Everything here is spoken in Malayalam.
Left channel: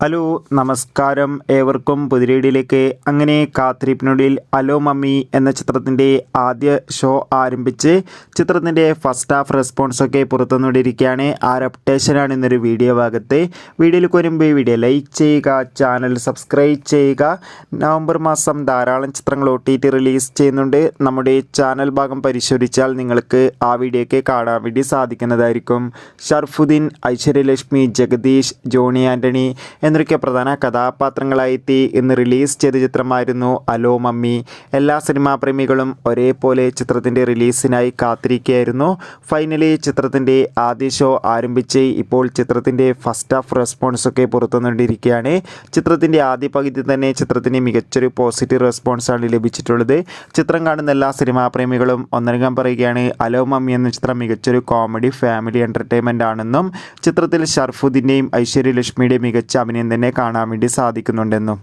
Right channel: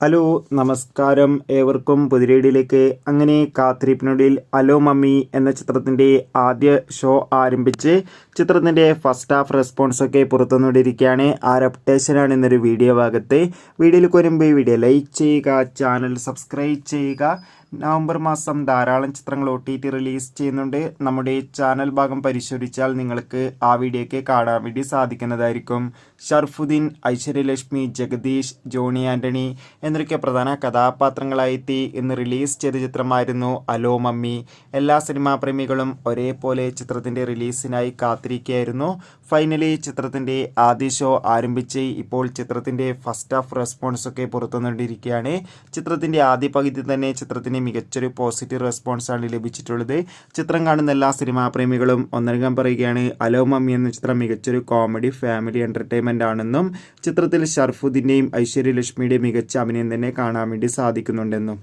ഹലോ നമസ്കാരം, ഏവർക്കും പുതിരീടിലേക്ക്. അങ്ങനെ കാത്തിരിപ്പിനൊടുവിൽ അലോ മമ്മി എന്ന ചിത്രത്തിൻ്റെ ആദ്യ ഷോ ആരംഭിച്ച് ചിത്രത്തിൻ്റെ ഫസ്റ്റ് ഹാഫ് റെസ്പോൺസൊക്കെ പുറത്തുനിന്നിരിക്കുകയാണ്. ആ അപ്ഡേഷനാണ് ഇന്നൊരു വീഡിയോ ഭാഗത്ത്. വീഡിയോയിലേക്ക് വരുമ്പോൾ ഈ വീഡിയോ ലൈക്ക് ചെയ്യുക, ചാനൽ സബ്സ്ക്രൈബ് ചെയ്യുക. നവംബർ മാസം ധാരാളം ചിത്രങ്ങൾ OTT റിലീസ് ചെയ്യുന്നുണ്ട്. നമ്മുടെ ചാനൽ ഭാഗം പരിശോധിച്ചാൽ നിങ്ങൾക്ക് ആ വീഡിയോയ്ക്ക് കാണാൻ വേണ്ടി സാധിക്കുന്നതായിരിക്കും. ഷർഫുദ്ദീൻ, ഐശ്വര്യലക്ഷ്മി, ജഗദീഷ്, ജോണി ആൻ്റണി എന്നൊക്കെ പ്രധാന കഥാപാത്രങ്ങളായെത്തി ഇന്ന് റിലീസ് ചെയ്ത ചിത്രമായിരുന്നു അലോ മമ്മി. എല്ലാ സിനിമാ പ്രേമികളും ഒരേപോലെ ചിത്രത്തിൻ്റെ റിലീസിനായി കാത്തിരിക്കുകയായിരുന്നു. ഫൈനലി ചിത്രത്തിൻ്റെ ആദ്യ ഷോ ആരംഭിച്ച് ഇപ്പോൾ ചിത്രത്തിൻ്റെ ഫസ്റ്റ് ഹാഫ് റെസ്പോൺസൊക്കെ പുറത്തുനിന്നിരിക്കുകയാണ്. ചിത്രത്തിൻ്റെ ആദ്യ പകുതി തന്നെ ചിത്രത്തിന് മികച്ചൊരു പോസിറ്റീവ് റെസ്പോൺസാണ് ലഭിച്ചിട്ടുള്ളത്. ചിത്രം കാണുന്ന എല്ലാ സിനിമാ പ്രേമികളും ഒന്നടങ്കം പറയുകയാണ് അലോ മമ്മി എന്ന ചിത്രം മികച്ചൊരു കോമഡി ഫാമിലി എൻ്റർടൈൻമെൻ്റ് ആണെന്നും ചിത്രത്തിൽ ഷർഫുദ്ദീൻ്റെയും ഐശ്വര്യലക്ഷ്മിയുടെയും മികച്ച അഭിനയം തന്നെ കാണാൻ വേണ്ടി സാധിക്കുന്നുണ്ടെന്നും.